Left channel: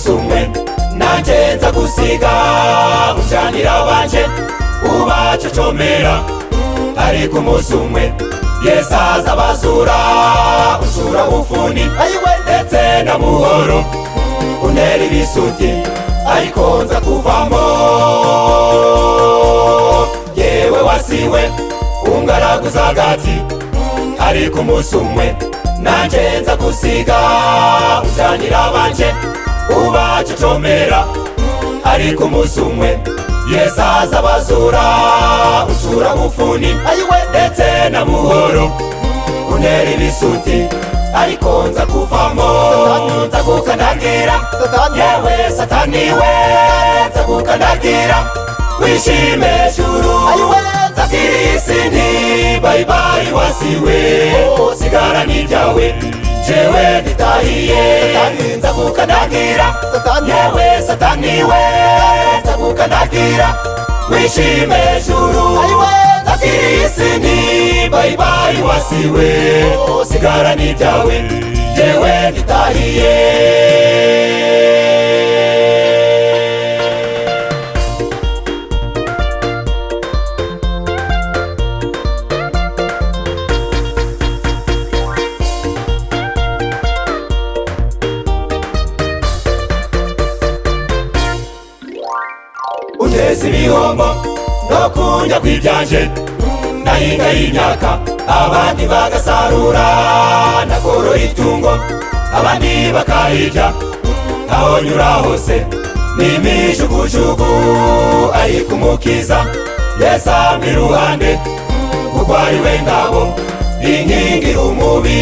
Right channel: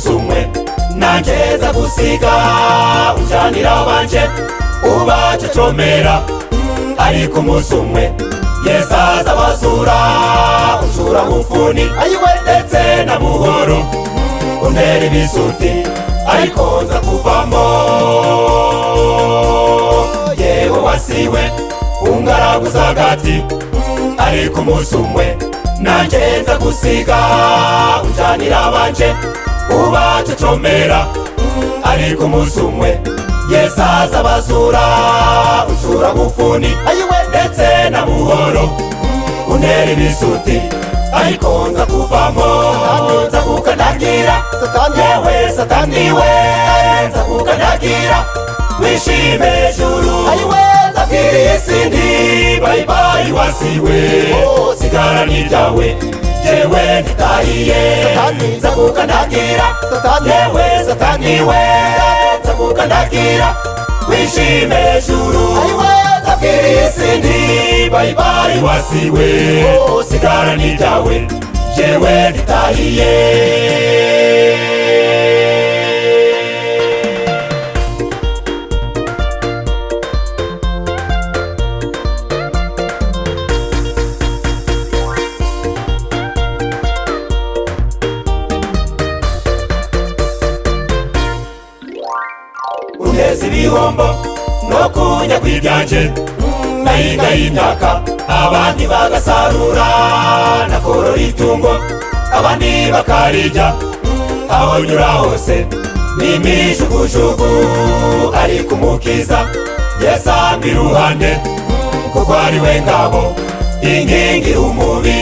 umusumwe nageza gusiga ujanira banje ubacecomera ariko umusumwe yesaza basura usura bufuni ndetse na muhoro untera ibisuti ariko nza kuvamo yewe wasiwe ungaraguza agati ariko umusumwe nageza gusiga ujanira banje ubacecomera ariko umusumwe yesaza basura usura bufuni ndetse na muhoro untera ibisuti ariko nza kuvamo nza kukandagira yewe sataniwe nza kukandagira wishime juru zakiri isindi bye bye wasiwe sigara niryawe jewe nditahiye nza kukandagira yewe sataniwe nza kukandagira wishime juru zakiri isindi bye bye wasiwe sigara niryawe jewe nditahiye uneze ibihombo no kujya kwibyanje nayiga y'imyaka abandi bagasarura nakoro itungo abandi bakarirya aho nyura hose n'imijugujugu ariko umukiza yasamba iruhande kuko ari we ngabo inkingira umubi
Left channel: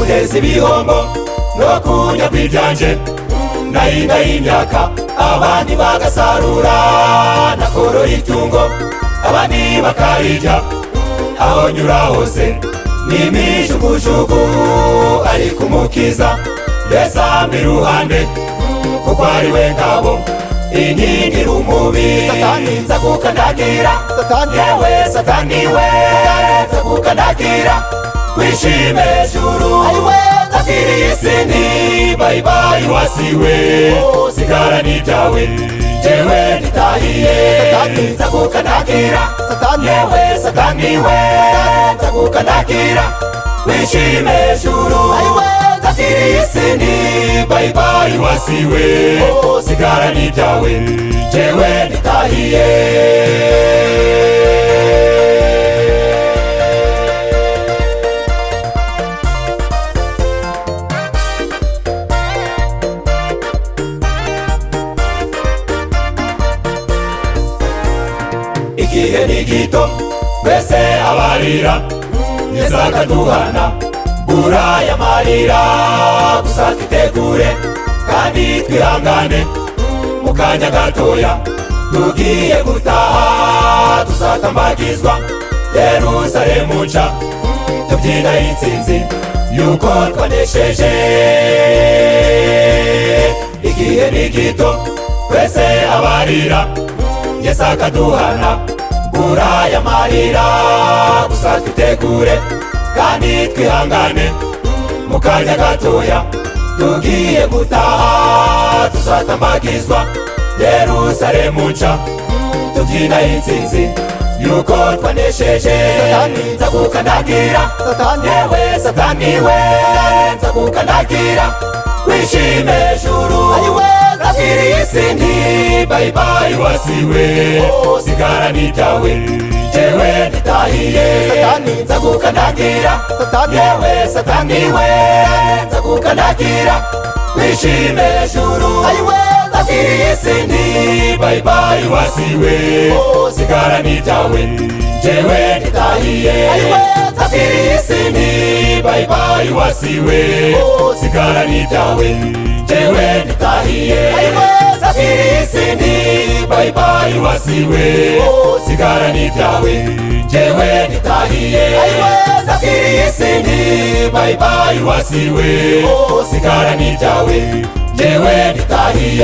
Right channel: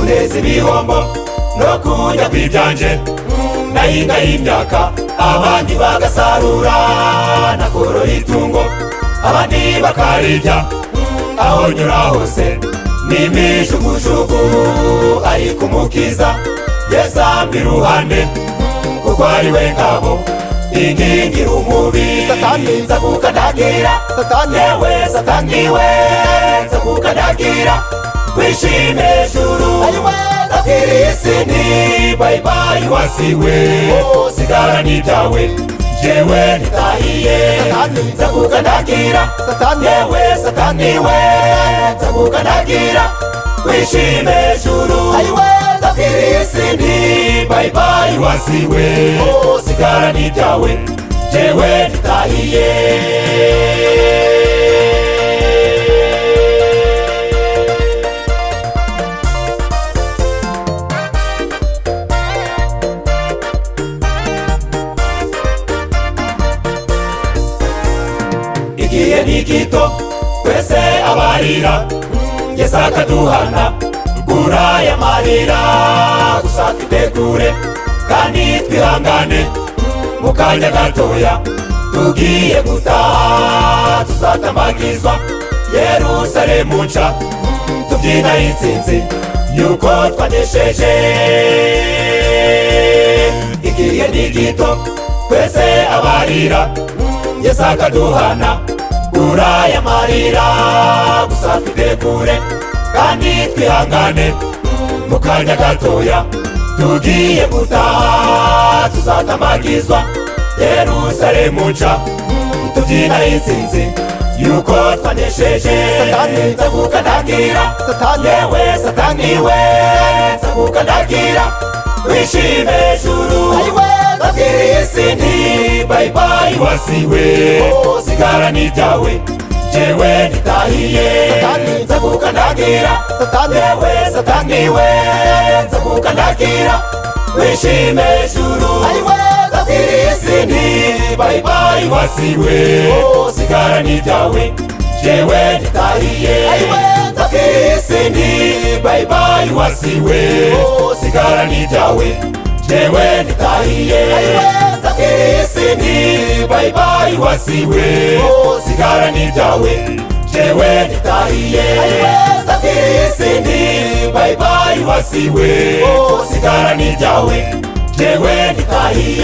uneze ibihombo no kujya kwibyanje nayiga y'imyaka abandi bagasarura nakoro itungo abandi bakarirya aho nyura hose n'imijugujugu ariko umukiza yasamba iruhande kuko ari we ngabo inkingira umubi nza kukandagira yewe sataniwe nza kukandagira wishime juru zakiri isindi bye bye wasiwe sigara niryawe jewe nditahiye nza kukandagira yewe sataniwe nza kukandagira wishime juru zakiri isindi bye bye wasiwe sigara niryawe jewe nditahiye gito wese abarira yesa akaduhana uraya marira gusa tutegure kandi twihangane mu kanya gatoya tugiye gutaha tuzatamagizwa Yerusalemu nshya tubyina intsinzi yuko twanesheje igihe ni gito wese abarira yesa akaduhana uraya marira gusa tutegure kandi twihangane mu kanya gatoya tugiye gutaha tuzatamagizwa Yerusalemu nshya tubyina intsinzi yuko twanesheje nza kukandagira yewe sataniwe nza kukandagira wishime juru zakiri isindi bye bye wasiwe sigara niryawe jewe nditahiye nza kukandagira yewe sataniwe nza kukandagira wishime juru zakiri isindi bye bye wasiwe sigara niryawe jewe nditahiye zakiri isindi bye bye wasiwe sigara niryawe jewe nditahiye zakiri isindi bye bye wasiwe sigara niryawe jewe nditahiye zakiri isindi bye bye wasiwe sigara niryawe jewe nditahiye